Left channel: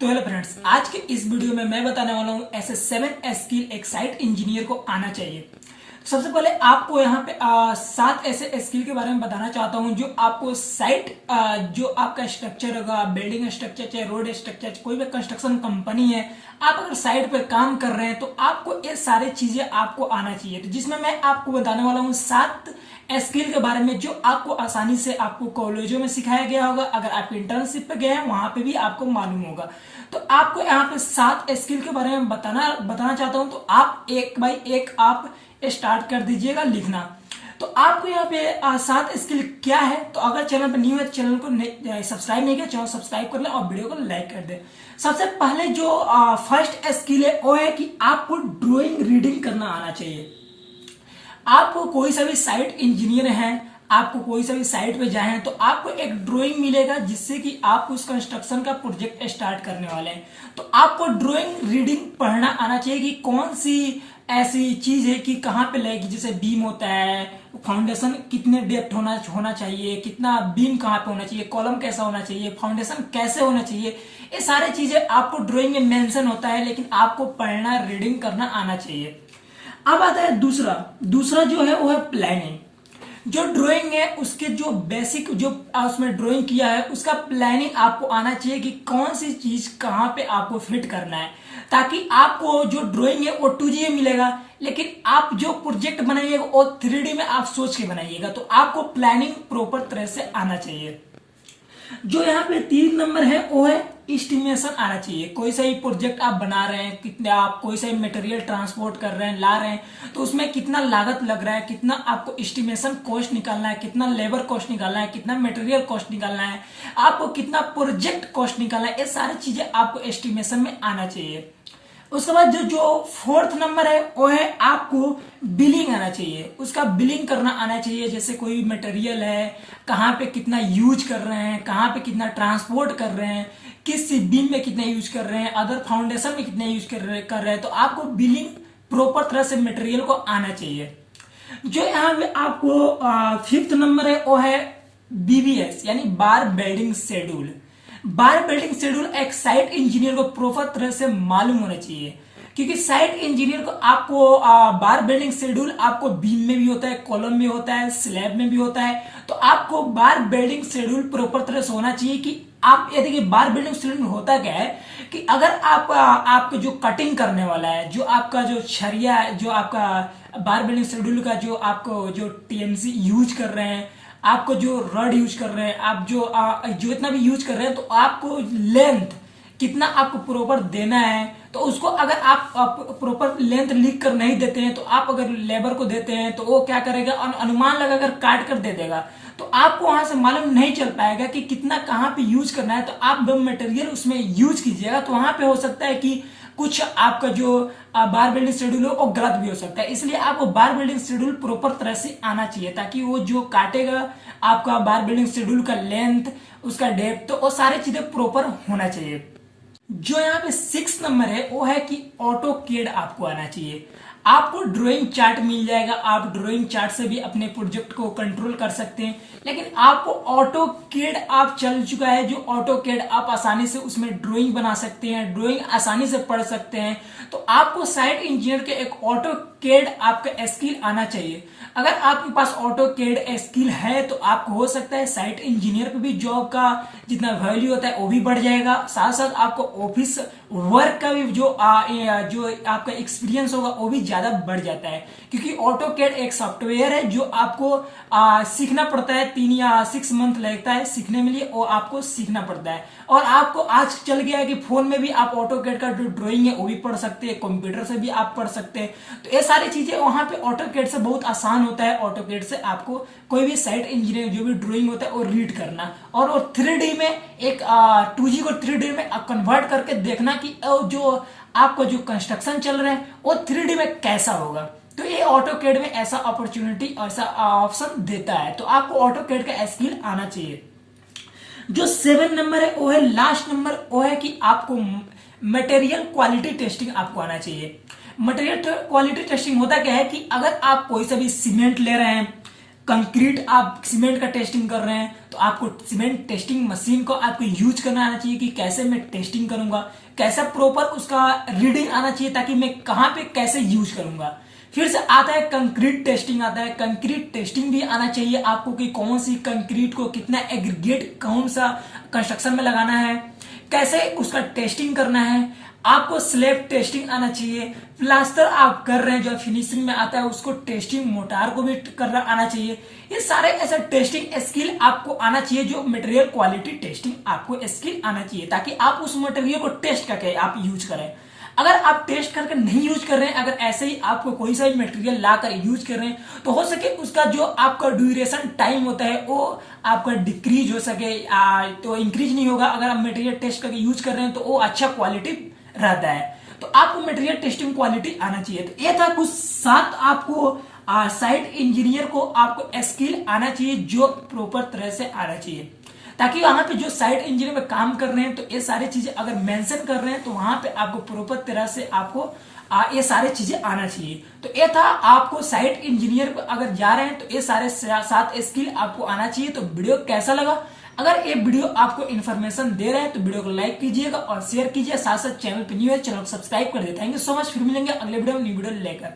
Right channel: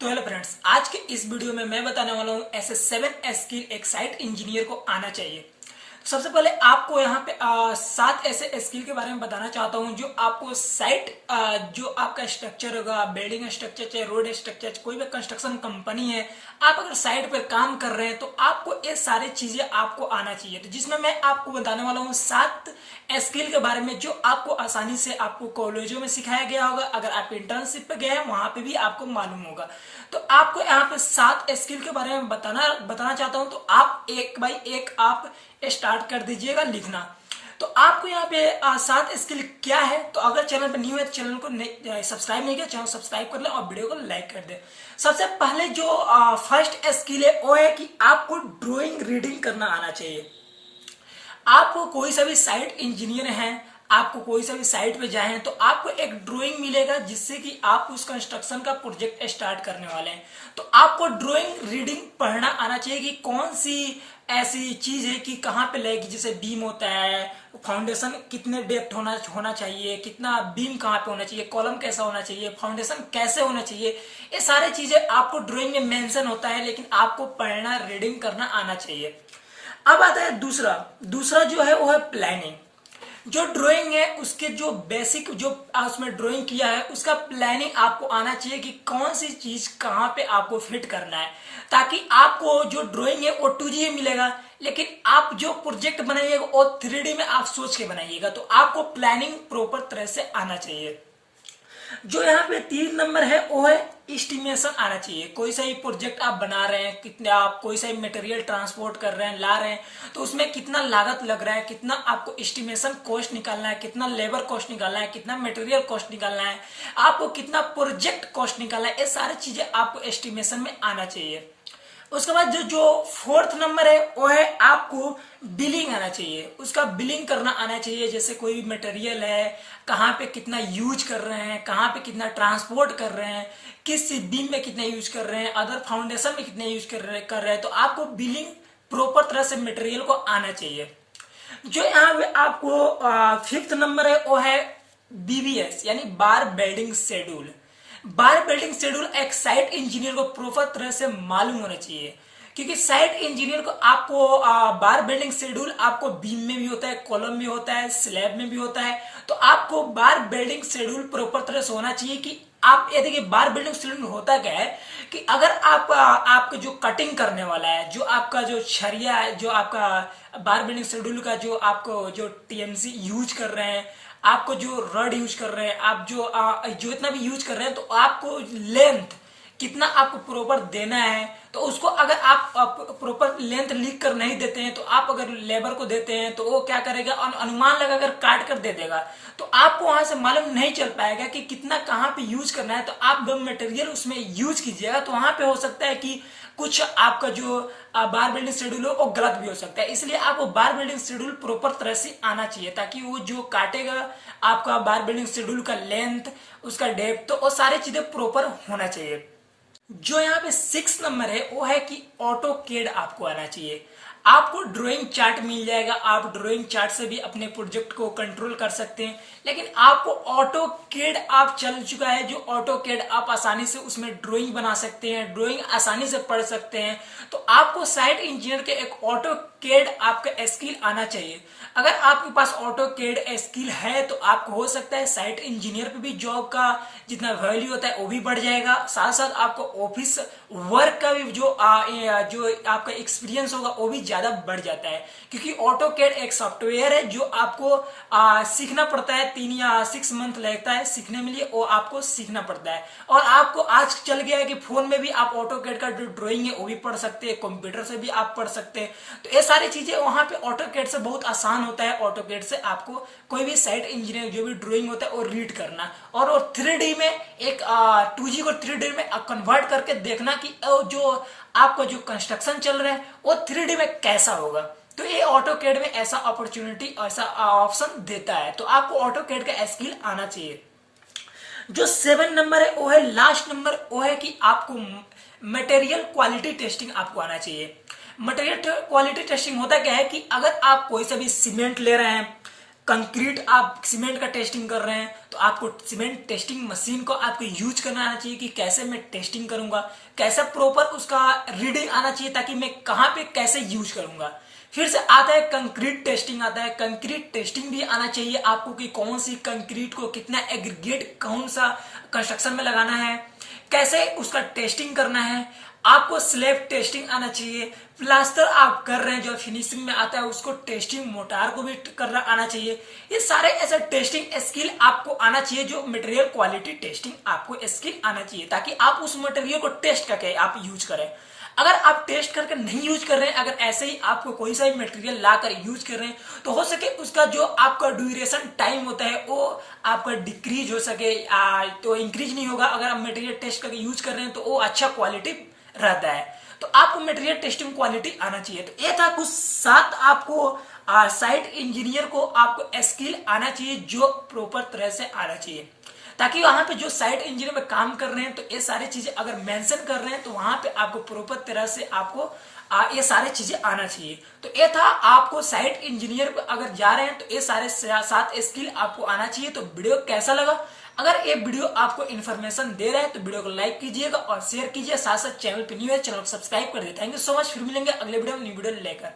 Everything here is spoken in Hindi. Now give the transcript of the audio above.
तो हेलो फ्रेंड्स, आज के इस वीडियो में मैं बताने वाला हूँ ऐसे 7 स्किल एक साइट इंजीनियर को आना चाहिए। सबसे पहले आपको यहाँ पे 7 ऐसे स्किल के बारे में बताना चाहता हूँ जो आपको साइट जो आपका स्ट्रक्चर होगा, बिल्डिंग स्ट्रक्चर चाहे रोड स्ट्रक्चर, कोई भी कंस्ट्रक्शन कंपनी है, आप अगर साइट पे काम कर रहे हैं तो आपको ये सारी चीजें आपको आना चाहिए। तो जिसमें मैं आपको बताने वाला हूँ 7 स्किल के बारे में जो आपको आसानी से आपको कॉलेजों में सिखाया गया होगा, अगर आप इंटर्नशिप पे गए हैं वहां पे भी आपको मालूम होगा। तो आपको यहाँ पे 7 स्किल के बारे में बताना चाहता हूं। तो आप एक बाई एक आप स्टार्ट कर दीजिएगा लिखना। तो आपको यहाँ पे 7 स्किल क्या है, तो अगर चैनल पर न्यू है तो चैनल को सब्सक्राइब नहीं किया, चैनल सब्सक्राइब कर ले और वीडियो को लाइक कर दे। सबसे पहले जो फर्स्ट स्किल है वो है कि आपको ड्राइंग रीडिंग करना आना चाहिए। आपको कोई सा भी साइट इंजीनियर है, आपको कोई सा भी साइट पे जाए तो आपको एक ड्राइंग मिलेगा जिससे कि आप उस कंस्ट्रक्शन का प्रोजेक्ट स्टार्ट करने वाले हैं। तो आपको ड्राइंग रीडिंग पढ़ना आना चाहिए कि कौन सी ऐसी चीज है कि कहाँ पे लगेगी। जैसे बीम होता है, फाउंडेशन कितने डेप्थ होना चाहिए, कितना बीम कहाँ पे होना चाहिए, कॉलम कैसा होना चाहिए, फाउंडेशन कैसे होना चाहिए, ये सारी चीजें आपको ड्राइंग में मेंशन होता है, लेकिन आपको पढ़ना रीडिंग करना आना चाहिए। अब आता है दूसरा जो है वो है प्लानिंग। जो ड्राइंग है उसके जो बेसिक जो उसमें ड्राइंग किया है उसका प्लानिंग आपको आना चाहिए कि कौन सी चीज कहाँ पे आपको फिट करना है, ताकि आपको जो ड्राइंग है वो 2D में मिलेगा, लेकिन आप जो प्रोजेक्ट बनाइएगा वो 3D में आप सोच के बनाइएगा। तो आपको प्लानिंग प्रॉपर तरह से आना चाहिए। जो यहाँ पे 3 नंबर है वो है एस्टिमेशन आना चाहिए। कोई सा ही प्रोजेक्ट आप बना रहे हैं, कितने आप कोई सा ही मटेरियल ट्रांसपोर्ट कर रहे हैं, ला रहे हैं, तो उसमें कितना लागत लग रहा है, कितना आपको एस्टिमेशन कॉस्ट निकालना है, कितना लेबर कॉस्ट निकालना है, कितना मटेरियल कॉस्ट निकालना है, आपको कितना प्रोजेक्ट कॉस्ट निकालना है, ये सारी चीजें आपको एस्टिमेशन में आना चाहिए। उसके बाद जो 4th नंबर है वो है आपको बिलिंग आना चाहिए। उसका बिलिंग करना आना चाहिए। जैसे कोई भी मटेरियल है, कहाँ पे कितना यूज कर रहे हैं, कहाँ पे कितना ट्रांसपोर्ट कर रहे हैं, किस बीम में कितना यूज कर रहे हैं, अदर फाउंडेशन में कितना यूज कर रहे हैं। तो आपको बिलिंग प्रॉपर तरह से मटेरियल को आना चाहिए। जो यहाँ पे आपको 5th नंबर है वो है BBS यानी बार बिल्डिंग शेड्यूल। बार बिल्डिंग शेड्यूल एक साइट इंजीनियर को प्रॉपर तरह से मालूम होना चाहिए, क्योंकि साइट इंजीनियर को आपको बार बिल्डिंग शेड्यूल आपको बीम में भी होता है, कॉलम में होता है, स्लैब में भी होता है। तो आपको बार बिल्डिंग शेड्यूल प्रॉपर तरह से होना चाहिए कि आप ये देखिए बार बिल्डिंग शेड्यूल होता क्या है कि अगर आप आपका जो कटिंग करने वाला है, जो आपका जो छरिया है, जो आपका बार बिल्डिंग शेड्यूल का जो आपको जो TMC यूज कर रहे हैं, आपको जो रड यूज कर रहे हैं, आप जो इतना भी यूज कर रहे हैं, तो आपको लेंथ कितना आपको प्रॉपर देना है। तो उसको अगर आप प्रॉपर लेंथ लिख कर नहीं देते हैं, तो आप अगर लेबर को देते हैं तो वो क्या करेगा, अनुमान लगाकर काट कर दे देगा। तो आपको वहां से मालूम नहीं चल पाएगा कि कितना कहाँ पे यूज करना है। तो आप जब मटेरियल उसमें यूज कीजिएगा तो वहां पे हो सकता है कि कुछ आपका जो बार बिल्डिंग शेड्यूल हो वो गलत भी हो सकता है। इसलिए आपको बार बिल्डिंग शेड्यूल प्रॉपर तरह से आना चाहिए, ताकि वो जो काटेगा आपका बार बिल्डिंग शेड्यूल का लेंथ, उसका डेप्थ, तो वो सारी चीजें प्रॉपर होना चाहिए। जो यहाँ पे 6 नंबर है वो है कि ऑटो कैड आपको आना चाहिए। आपको ड्राइंग चार्ट मिल जाएगा, आप ड्राइंग चार्ट से भी अपने प्रोजेक्ट को कंट्रोल कर सकते हैं, लेकिन आपको ऑटो कैड आप चल चुका है। जो ऑटो कैड आप आसानी से उसमें ड्राइंग बना सकते हैं, ड्राइंग आसानी से पढ़ सकते हैं। तो आपको साइट इंजीनियर के एक ऑटो कैड आपका स्किल आना चाहिए। अगर आपके पास ऑटो कैड स्किल है तो आपको हो सकता है साइट इंजीनियर पे भी जॉब का जितना वैल्यू होता है वो भी बढ़ जाएगा, साथ साथ आपको ऑफिस वर्क का भी जो आपका एक्सपीरियंस होगा वो भी ज्यादा बढ़ जाता है। क्योंकि ऑटो कैड एक सॉफ्टवेयर है जो आपको सीखना पड़ता है, 3 या 6 मंथ लगता है सीखने में लिए, वो आपको सीखना पड़ता है। और आपको आज चल गया है कि फोन में भी आप ऑटो कैड का जो ड्राइंग है वो भी पढ़ सकते हैं, कंप्यूटर से भी आप पढ़ सकते हैं। तो ये सारी चीजें वहां पे ऑटो कैड से बहुत आसान होता है। ऑटो कैड से आपको कोई भी साइट इंजीनियर जो भी ड्राइंग होता है वो रीड करना, और 3D में एक 2G को 3D में कन्वर्ट करके देखना कि जो आपका जो कंस्ट्रक्शन चल रहा है वो 3D में कैसा होगा। तो ये ऑटो कैड में ऐसा अपॉर्चुनिटी, ऐसा ऑप्शन देता है। तो आपको ऑटो कैड का स्किल आना चाहिए। जो 7 नंबर है वो है लास्ट नंबर, वो है कि आपको मटेरियल क्वालिटी टेस्टिंग आपको आना चाहिए। मटेरियल क्वालिटी टेस्टिंग होता क्या है कि अगर आप कोई सा भी सीमेंट ले रहे हैं, कंक्रीट आप सीमेंट का टेस्टिंग कर रहे हैं तो आपको सीमेंट टेस्टिंग मशीन को आपको यूज करना आना चाहिए कि कैसे मैं टेस्टिंग करूंगा, कैसे प्रॉपर उसका रीडिंग आना चाहिए ताकि मैं कहाँ पे कैसे यूज करूंगा। फिर से आता है कंक्रीट टेस्टिंग, आता है कंक्रीट टेस्टिंग भी आना चाहिए आपको कि कौन सी कंक्रीट को कितना एग्रीगेट कौन सा कंस्ट्रक्शन में लगाना है, कैसे उसका टेस्टिंग करना है। आपको स्लैब टेस्टिंग आना चाहिए, प्लास्टर आप कर रहे हैं जो फिनिशिंग में आता है उसको टेस्टिंग मोटार को भी करना आना चाहिए। ये सारे ऐसे टेस्टिंग स्किल आपको आना चाहिए, जो मटेरियल क्वालिटी टेस्टिंग आपको स्किल आना चाहिए ताकि आप उस मटेरियल को टेस्ट करके आप यूज करें। अगर आप टेस्ट करके नहीं यूज कर रहे हैं, अगर ऐसे ही आपको कोई सा भी मटेरियल लाकर यूज कर रहे हैं तो हो सके उसका जो आपका ड्यूरेशन टाइम होता है वो आपका डिक्रीज हो सके, तो इंक्रीज नहीं होगा। अगर आप मटेरियल टेस्ट करके यूज कर रहे हैं तो वो अच्छा क्वालिटी रहता है। तो आपको मटेरियल टेस्टिंग क्वालिटी आना चाहिए। तो ये था कुछ 7 आपको साइट इंजीनियर को आपको स्किल आना चाहिए जो प्रॉपर तरह से आना चाहिए, ताकि वहां पे जो साइट इंजीनियर में काम कर रहे हैं तो ये सारी चीजें अगर मेंशन कर रहे हैं तो वहां पे आपको प्रॉपर तरह से आपको ये सारी चीजें आना चाहिए। तो ये था आपको साइट इंजीनियर पे अगर जा रहे हैं तो ये सारे 7 स्किल आपको आना चाहिए। तो वीडियो कैसा लगा? अगर ये वीडियो आपको इन्फॉर्मेशन दे रहा है तो वीडियो को लाइक कीजिएगा और शेयर कीजिए, साथ साथ चैनल पे न्यू है चैनल को सब्सक्राइब कर दे। थैंक यू सो मच, फिर मिलेंगे अगले वीडियो में न्यू वीडियो लेकर।